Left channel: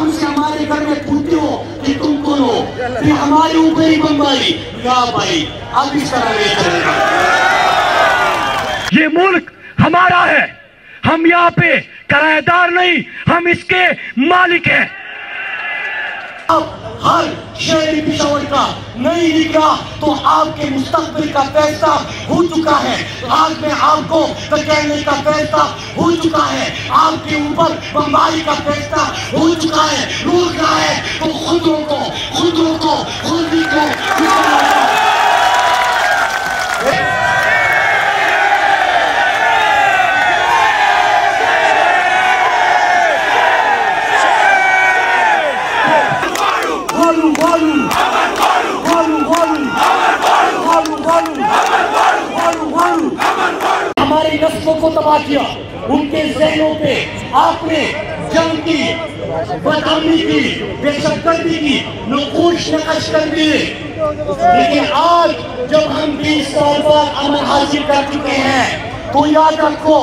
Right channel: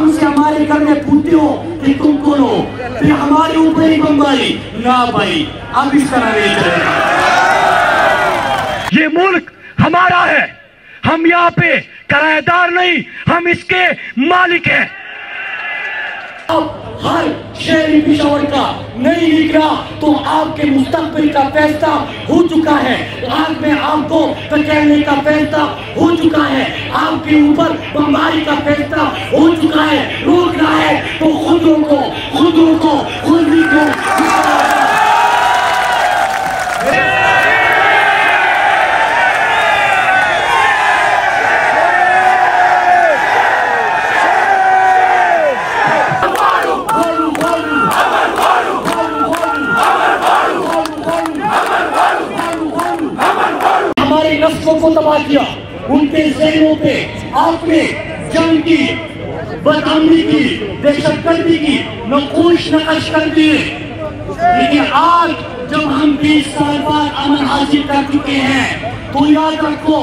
हमसे हमारे घर में पूछते हो कि तुम कौन हो, फिर हमारे ऊपर ही बमबारी। ना भाई, अब इस तरह नहीं चलेगा। ये मुल्क हमारा है, हम यहाँ पे किराएदार नहीं, हम इसके मालिक हैं। अब हर शहरी पिशावर का नहीं निकला तो आपके मुस्तकबिल का फैसला हो चुका है। आज में आपको बचाने का फैसला हो चुका है, आपके ऊपर बमबारी का फैसला हो चुका है। रोकना है तो खुद रोको, खुद लिखो। हमारी नस्लों को तबाह किया, उनके ज़हनों पे आपने जंग की, बदअमनी की, दहशतगर्दी की नक्श नक़श कर दिए। लेकिन आज जब हम 20 साल बाद अमन हासिल कर चुके हैं तो याद रखो,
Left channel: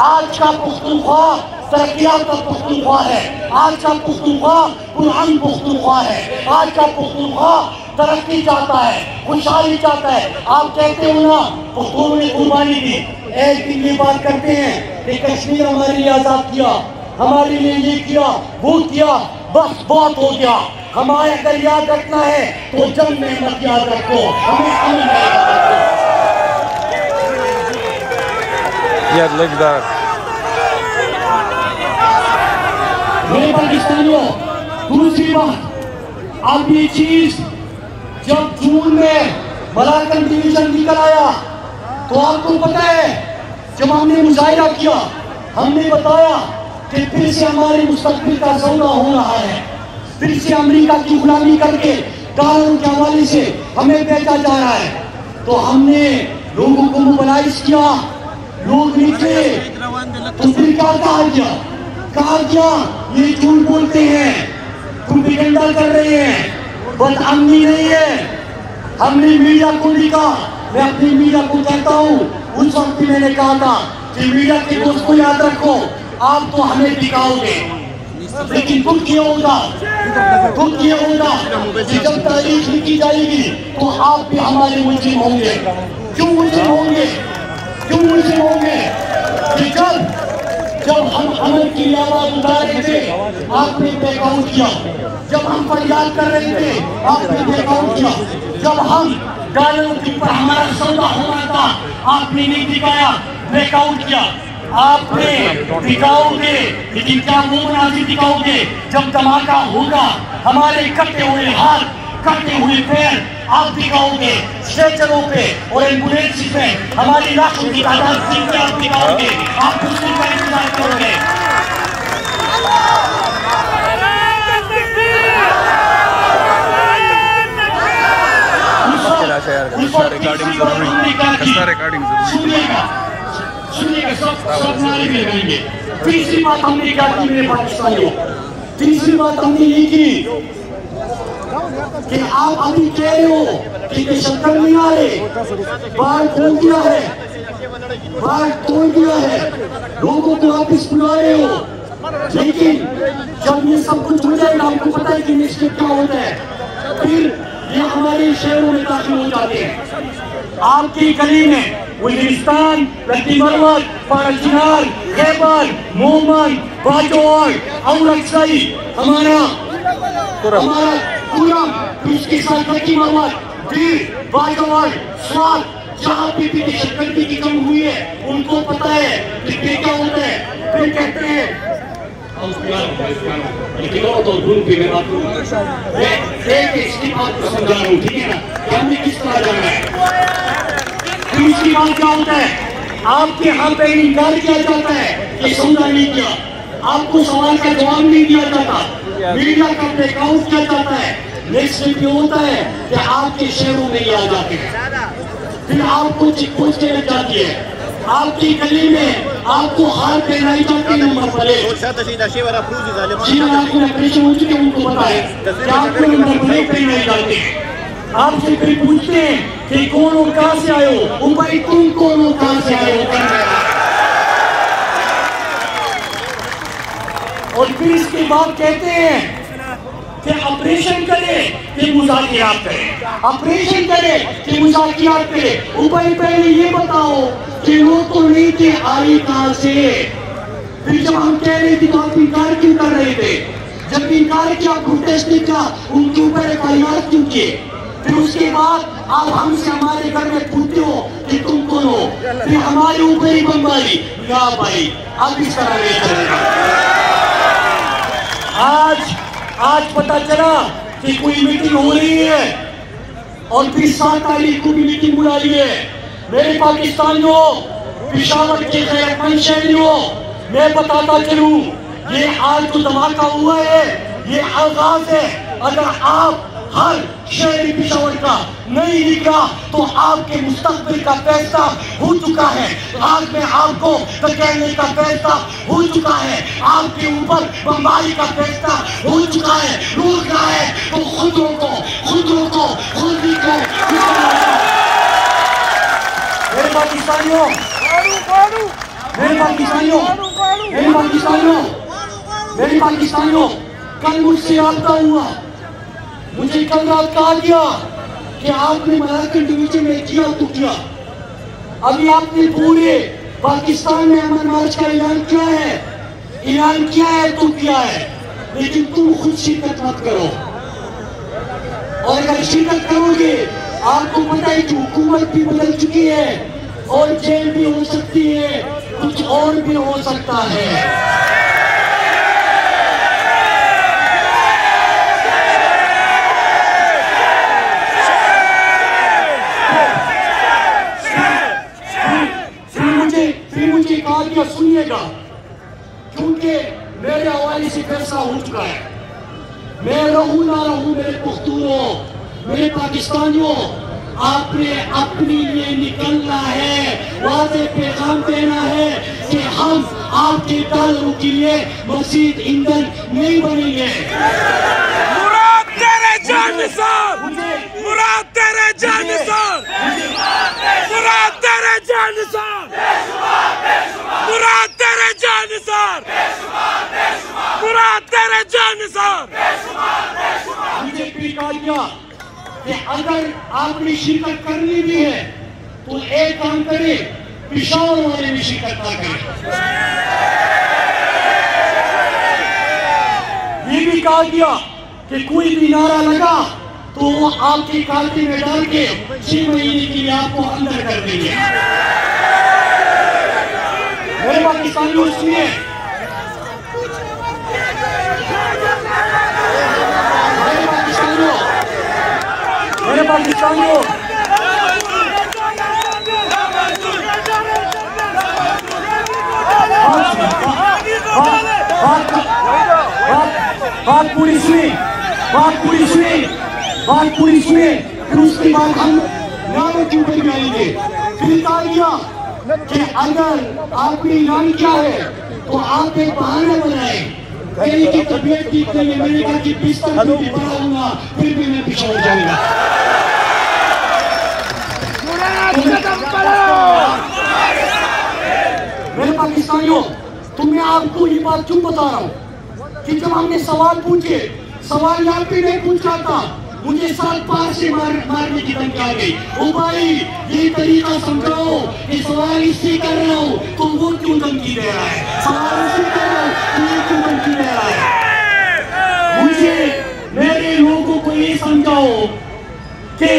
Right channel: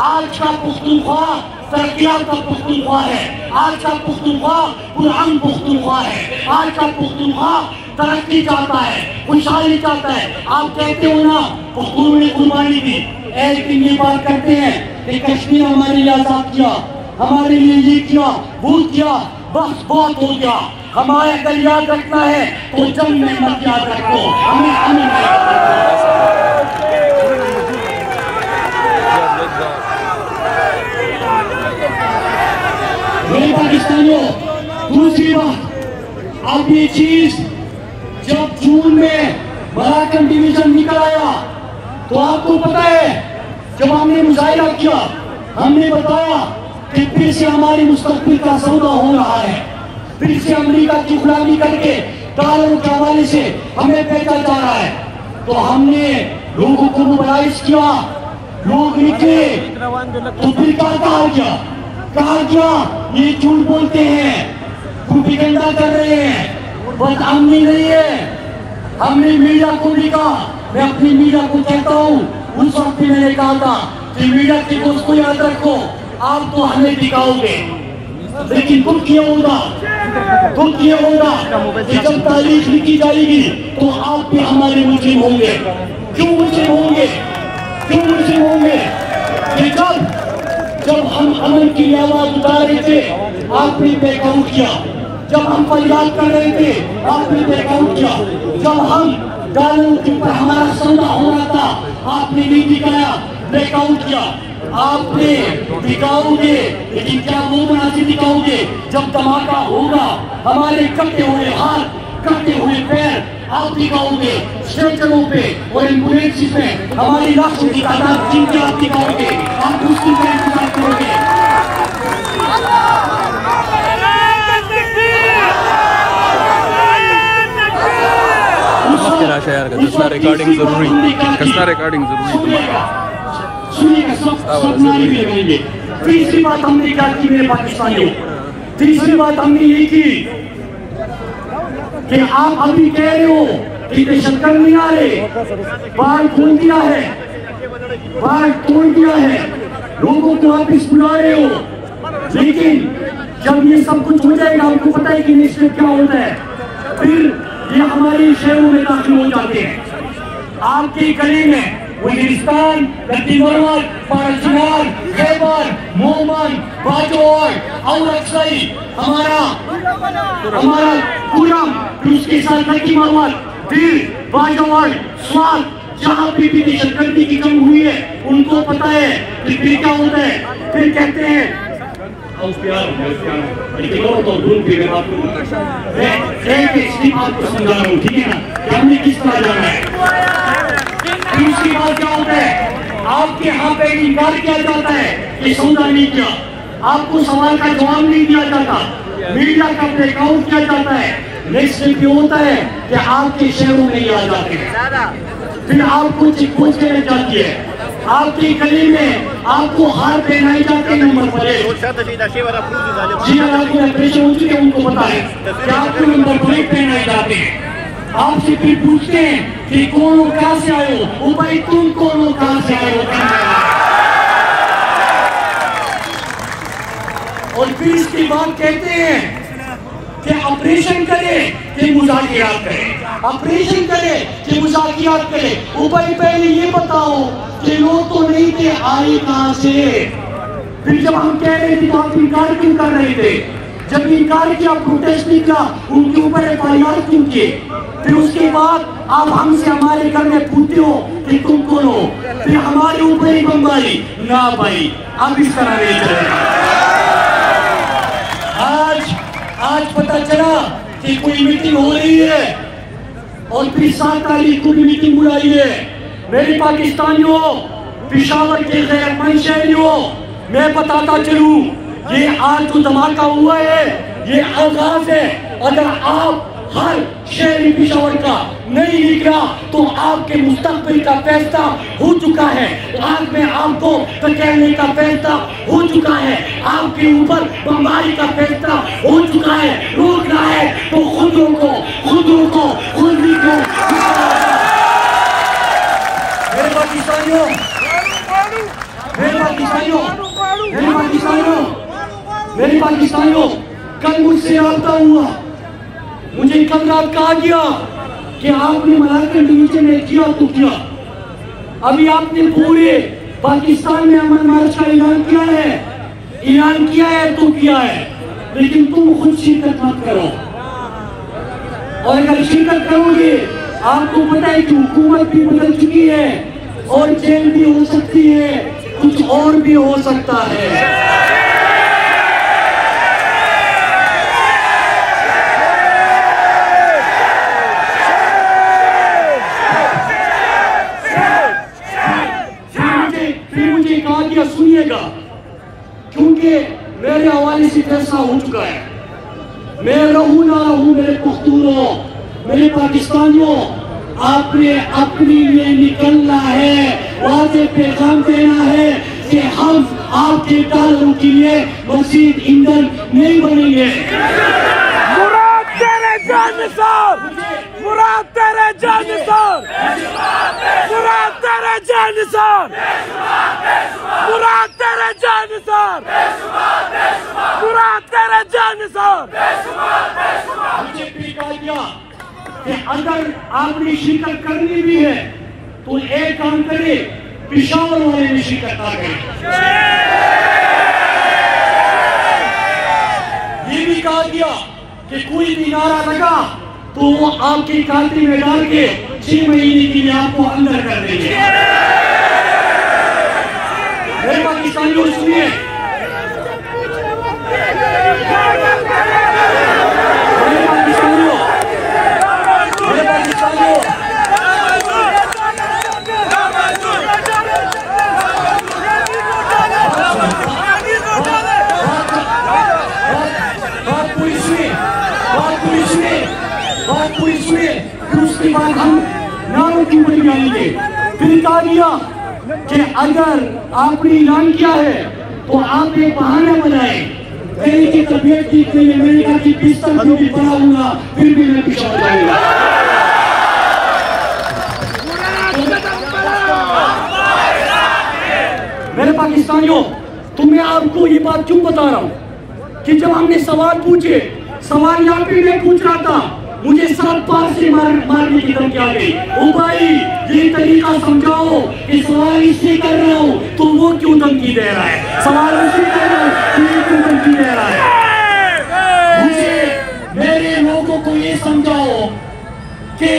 आज का पुख्तूनख्वा तरक्कियात का पुख्तूनख्वा है, आज का पुख्तूनख्वा पुरअमन पुख्तूनख्वा है, आज का पुख्तूनख्वा तरक्की चाहता है, खुशहाली चाहता है। आप कहते हो ना पुख्तून ने कुर्बानी दी, एक दिन ये बात करते हैं कि कश्मीर हमारे लिए आजाद किया, हमारे लिए ये किया, वो किया, बस बहुत हो गया। हमारे अगर याद रखना है तो जंग में मत याद रखो, हमें पाकिस्तानियों। दूसरी बात, अब ये चीज जब जून में मलाकन डिवीजन निकल आया तो आपको पता है, जब हमने मुजाहिरा किया हमने बताया कि फिर से हमारी मुस्तकबिल का सौदा हो रहा है, फिर से अमेरिका की गुलामी करके डॉलरों के हवाले से हमें बेचा जा रहा है। तो हमने लोगों को मोबिलाइज किया, लोग नीचे, तो फिर कहा गया ये झूठ बोलते हैं, प्रोपेगेंडा कर रहे हैं, बदअमनी नहीं है। हमने मीडिया को भी कहा, मैं अपनी मीडिया को कहता हूँ, उस वक्त मैंने कहा था कि मीडिया की दोस्तों याद रखो, आप तो हमें दिखाओगे, लेकिन दुख ये होगा कि जब तारीख लिखी जाएगी तो आप भी हमारे मुल्जिम होंगे। क्यों मुल्जिम होंगे? कि जब हम अमन की आवाज उठा रहे थे आपने बैकआउट किया, जब हम फरियाद कर रहे थे आपने बैकआउट किया, जब हम डॉलर के ऊपर हमारा सौदा होना था आपने नहीं दिखाया, बैकआउट किया। आपने दिखाओगे, लेकिन क्या वो मुनासिब दिखाओगे जब धमाका होगा, हमारे कटे हुए हाथ, कटे हुए पैर आप दिखाओगे, स्ट्रेचरों पे और एम्बुलेंस पे हमारी लाशों की तादाद गिन के आप दिखाओगे, आप उसकी इंतजार करोगे। तीसरी बात हमने क्या की मेरे पाकिस्तानियों, तीसरी बात हमने ये की कि आप अभी कह रहे हो कि दहशतगर्द नहीं आ रहे, बाहर खोल दिया है, बाहर तोड़ दिया है, लोगों को वापिस बुला रहे हो, लेकिन जब ये सब कुछ हो जाएगा आपको पता है कि नेशनल क्या होता है, फिर ये हमारे शहरों में दाखिल हो जाते हैं। आपकी गली में वजीरिस्तान, लखीमपुर, फारचुनार, खैबर, मोहम्मद, बाजौर और अक्सई हमारा पूरा, उसके साथ लखीमपुर, फिर बाजौर, स्वाद, जहाँ भी दहशतगर्दी की कमी हुई है उनको पता है कि फिर क्या होता है। फिर कहते हैं हमने किस तरह जाना है। दूसरी बात क्या होता है, आपके यहाँ पे इनकार किया जाता है कि सौदा नहीं किया, आपको सवाल का जवाब नहीं दिया जाता, मीडिया का ब्लैकआउट किया जाता है। नेक्स्ट ये होता है कि आपके शहरों में नहीं आ जाते हैं, फिर आपको चेकपोस्ट लग जाती है, आपकी गली में आपको हार पहनाई जाती है, नंबर प्लेट ऑपरेशन हो चुके हैं उनको पता है कि आपको नंबर प्लेट पहनाई जाती है। आपसे फिर पूछते हैं कि कौन हो, कहां से आए हो, भाई तुम कौन हो, कहां से आए हो। और फिर इसके बाद कहते हैं कि ऑपरेशन करे कि मुज़ाकिरात करे, ऑपरेशन करे कि मुज़ाकिरात करे। ऊपर पहले ये बताओ कि लोग तो नहीं थे, आई कहां से? फिर जब हम कह रहे थे तो आप इनकार क्यों कर रहे थे? जब इनकार किया, प्रोटेस्ट किया, उनके ऊपर FIR क्यों किए? फिर उसके बाद आप हमसे हमारे घर में पूछते हो कि तुम कौन हो, फिर हमारे ऊपर ही बमबारी। ना भाई, अब इस तरह नहीं चलेगा। आज पता चला कि कोई मीटिंग हो रही है और फिर 7 तारीख को भी मीटिंग बुलाई है। मेरे पाकिस्तानियों, पेशावर के गैरतमंद शहरियों, मैं बताता चलूं, ये आज जो धमाका हुआ है ये आगाज है। अगर आप हर शहरी पेशावर का नहीं निकला तो आपके मुस्तकबिल का फैसला हो चुका है। आज में आपको धकेलने का फैसला हो चुका है, आपके ऊपर बमबारी का फैसला हो चुका है। रोकना है तो खुद रोको, खुद रोको, खुद रोको। मेरे पाकिस्तानियों, कल मुझसे राब्ता हुआ, मुझे कल रात कहा गया कि आपने मलाकन डिवीजन में किया तो किया, अभी आपने पूरे पाकिस्तान में अमन मार्च का ऐलान किया है तो किया है, लेकिन तुम खुद शिरकत मत करो। और अगर शिरकत करोगे, आपको पता है कि हुकूमत भी बदल चुकी है और जेल भी हो सकती है, कुछ और भी हो सकता है। सुनिएगा, क्योंकि मेरे हवाले से फैसला हो चुका है। मैं रहूं ना रहूं, मेरे पुख्तूनों, मेरे पाकिस्तानियों, आपने अपने लिए निकलना है, वाज़ेह पैगाम देना है कि हम आपके तालों के लिए मज़ीद ईंधन नहीं बनेंगे। मुराद तेरे जानिसार, मुराद तेरे जानिसार, मुराद तेरे जानिसार, मुराद तेरे जानिसार, मुराद तेरे जानिसार। मुझे भी कहा गया कि अगर आपने शिरकत करनी भी है तो एक काम करे, पेशावर वाले में शिरकत ना करें। ये भी कहा गया कि कोई भी नारा लगा तो वो आपकी कांटी में डाल के 6 महीने के लिए आपको अंदर कर देंगे। मेरे पाकिस्तानियों, सुनिए, मेरे पाकिस्तानियों, उसके बाद हम नारों की बड़ी डालेंगे। फिर कहा गया कि अगर आपने ऐलान किया है तो आप एक बहाना बनाए, कहीं की तबीयत ठीक नहीं है, मेरी बात की पिस्तौल भी बनाऊंगा, फिर भी मैं पीछे जाऊंगा। मेरे पाकिस्तानियों, तो मैं आपको ये बात क्यों बता रहा हूँ कि जब हमने सवाल पूछे, सवाल यहाँ पे नहीं पूछ रहा था, मुझे 7 पार से मारने की धमकी आ गई। ओ भाई, ये तरीका समझाओ कि सवाल इससे कर रहा हूँ तो वो क्यों धमकी दे रहा है, सवाल इससे कर रहा हूँ तो ये क्यों धमकी दे रहा है। मुझे मेरे लोगों को ये समझाओ कि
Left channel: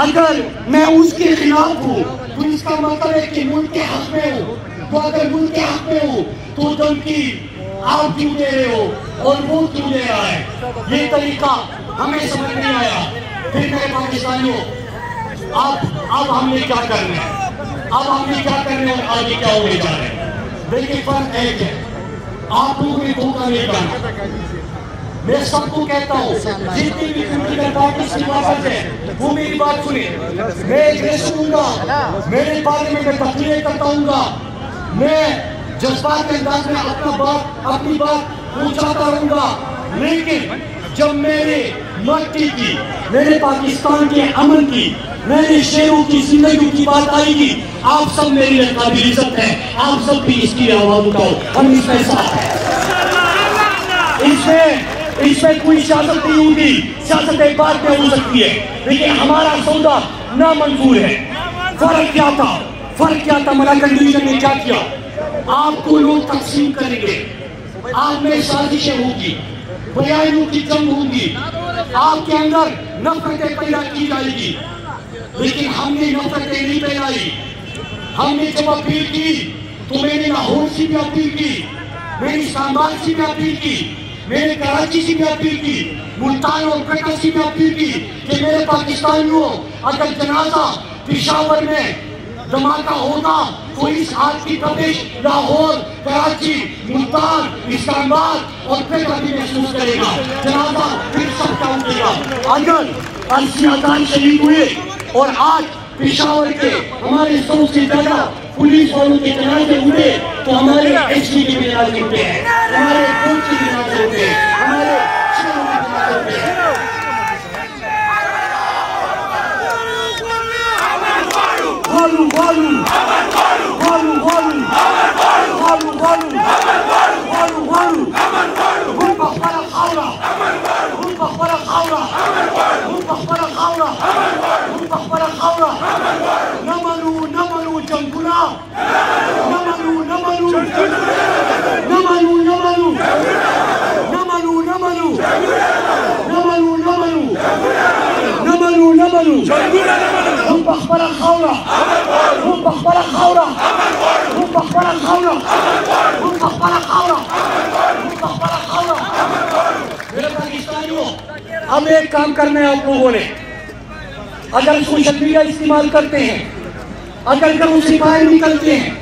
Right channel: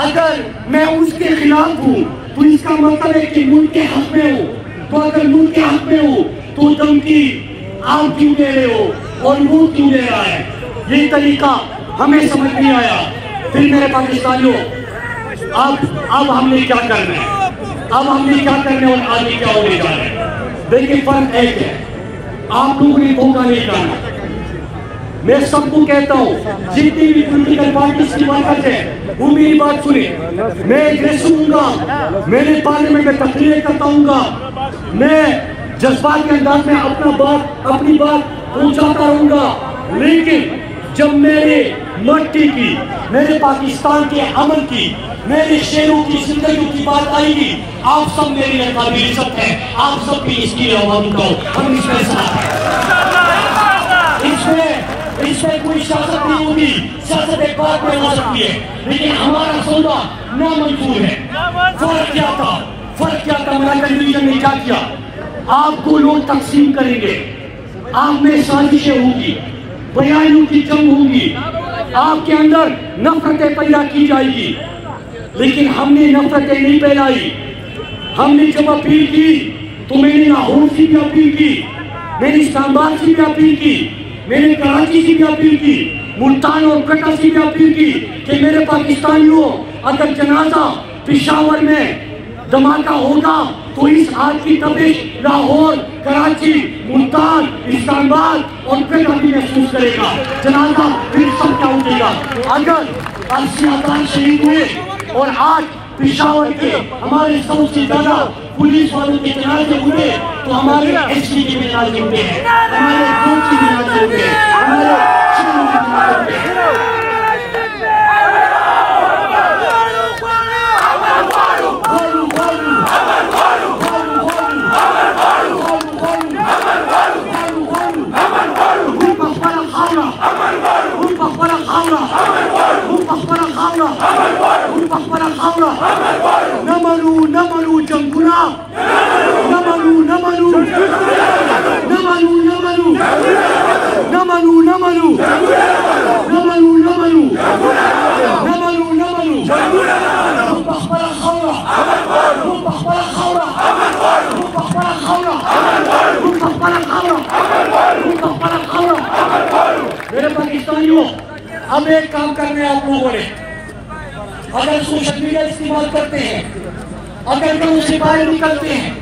अगर मैं उसके खिलाफ हूँ तो इसका मतलब है कि मुल्क के हक में हूँ, तो अगर मुल्क के हक में हूँ तो धमकी आप क्यों दे रहे हो और वो क्यों दे रहा है। ये तरीका हमें समझ नहीं आया। फिर मेरे पाकिस्तानियों, अब हमने क्या करना है, अब हमने क्या करना है और आगे क्या होने जा रहा है। देखिए, फर्क एक है, आप लोगों ने धोखा नहीं करना। मैं सबको कहता हूँ, जितनी भी पॉलिटिकल पार्टी की बात करते हैं वो मेरी बात सुने। मैं एड्रेस सुनूंगा, मेरे पार्लियामेंट में तकरीरें करता हूँ, मैं जज्बात के अंदाज में अपनी बात पहुंचाता रहूंगा, लेकिन जब मेरे मट्टी की, मेरे पाकिस्तान के अमन की, मेरे शेरों की जिंदगी की बात आएगी, आप सब मेरी काबिल इज्जत है, आप सब भी इसकी आवाज उठाओ, हम इसमें साथ हैं। इसमें कोई सियासत नहीं होगी, सियासत एक बार में हो सकती है, लेकिन हमारा सौदा नामंजूर है। फर्क क्या था मलाकन डिवीजन ने क्या किया? आपको लोग तकसीम करेंगे, आप में साजिशें होंगी, बयानियों की जंग होंगी, आपके अंदर नफरतें पैदा की जाएगी, लेकिन हमने नफरतें नहीं फैलाई। हमने जब अपील की तो मैंने लाहौर से भी अपील की, मैंने इस्लामाबाद से भी अपील की, मैंने कराची से भी अपील की, मुल्तान और कटा से भी अपील की कि मेरे पाकिस्तानियों, अगर जनाजा पेशावर में धमाका होगा तो इस आग की तपिश लाहौर, कराची, मुल्तान, इस्लामाबाद और कटा भी महसूस करेगा। जनाजा फिर सबका उठेगा। अगर 80,000 शहीद हुए और आज पेशावर के हमारे सबसे ज्यादा पुलिस वालों के जनाजे हुए तो हमारे एससी के जनाजे हुए हैं, हमारे कोच के जनाजे हुए हैं, हमारे शिक्षकों के जनाजे हुए हैं। नमलू जंगुला, नमलू नमलू नमलू नमलू नमलू नमलू नमलू नमलू नमलू नमलू जंगुला मेरे पाकिस्तानियों, हम एक काम करना है आप लोगों ने। अगर सोशल मीडिया इस्तेमाल करते हैं, अगर कल उसी बाहर निकलते हैं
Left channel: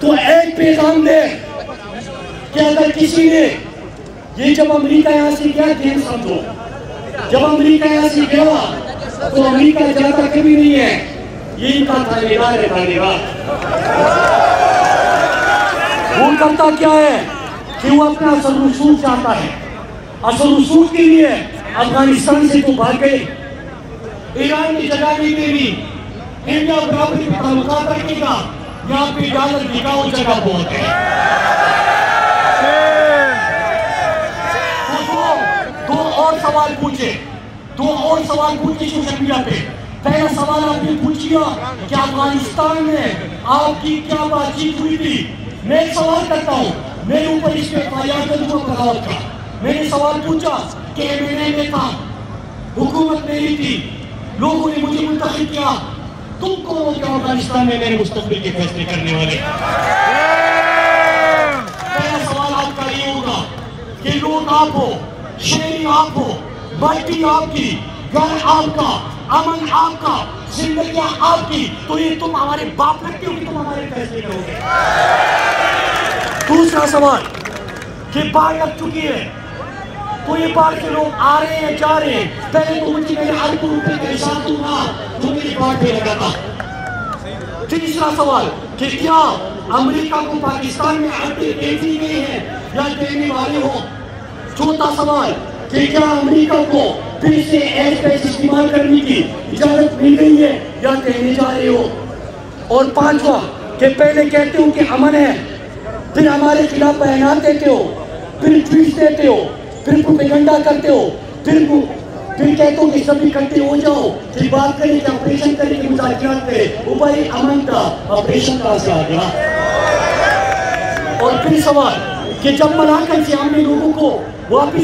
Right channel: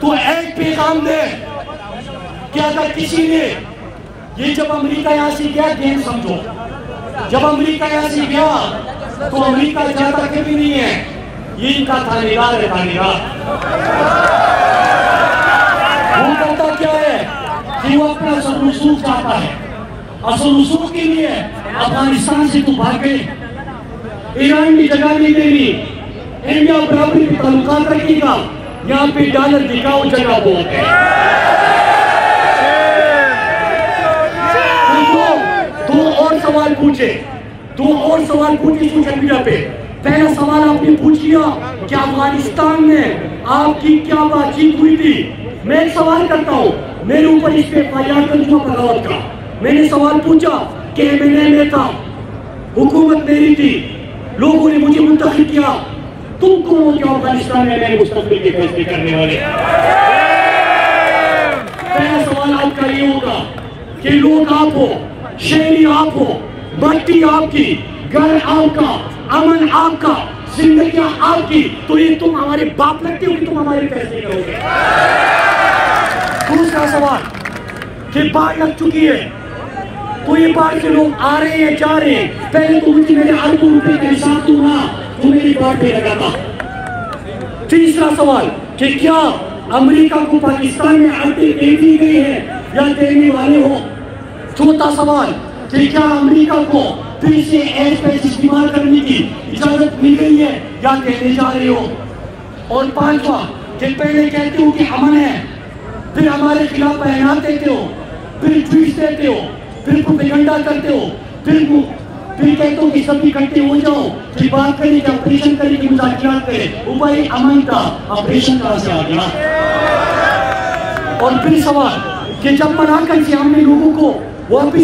तो एक पैगाम दे कि अगर किसी ने ये जब अमेरिका यहाँ से गया गेम समझो, जब अमेरिका यहाँ से गया तो अमेरिका जाता कभी नहीं है, ये इनका थानेदार है, थानेदार। वो करता क्या है कि वो अपना असल रसूख चाहता है, असल रसूख के लिए अफगानिस्तान से तो भाग गए, ईरान की जगह लेते भी इंडिया बराबरी के ताल्लुकात रखेगा, यहाँ पे डॉलर दिखा वो जगह बहुत है। तो दो और सवाल पूछे सोशल मीडिया पे। पहला सवाल आपने पूछिया कि अफगानिस्तान में आपकी क्या बातचीत हुई थी। मैं सवाल करता हूँ, मेरे ऊपर इस पे FIR करूंगा बगावत का। मैंने सवाल पूछा कि MNA में था, हुकूमत मेरी थी, लोगों ने मुझे मुंतखब किया, तुम कौन हो क्या अफगानिस्तान में मेरे मुस्तकबिल के फैसले करने वाले? पहला सवाल आपका ये होगा कि लोग आप हो, शहरी आप हो, मट्टी आपकी, घर आपका, अमन आपका, जिंदगियां आपकी, तो ये तुम हमारे बाप लगते हो कि तुम हमारे फैसले करोगे? दूसरा सवाल कि बाढ़ लग चुकी है तो ये बाढ़ के लोग आ रहे हैं, जा रहे हैं, पहले तो मुझे मेरे अरबों रुपए का हिसाब दूंगा तो मेरी बाढ़ पे लगा था। तीसरा सवाल कि क्या अमेरिका को पाकिस्तान में आके दे दी गई है या देने वाले हो? चौथा सवाल कि क्या अमेरिका को फिर से एयर स्पेस इस्तेमाल करने की इजाजत मिल गई है या देने जा रहे हो? और पांचवा कि पहले कहते हो कि अमन है, फिर हमारे खिलाफ बयान देते हो, फिर ट्वीट देते हो, फिर प्रोपेगेंडा करते हो, फिर कहते हो कि सब इकट्ठे हो जाओ, फिर बात करें कि ऑपरेशन करें कि मुजाहिरात करें। वो भाई अमन था, ऑपरेशन कहां से आ गया? और फिर सवाल कि जब मलाकन से हमने लोगों को वापिस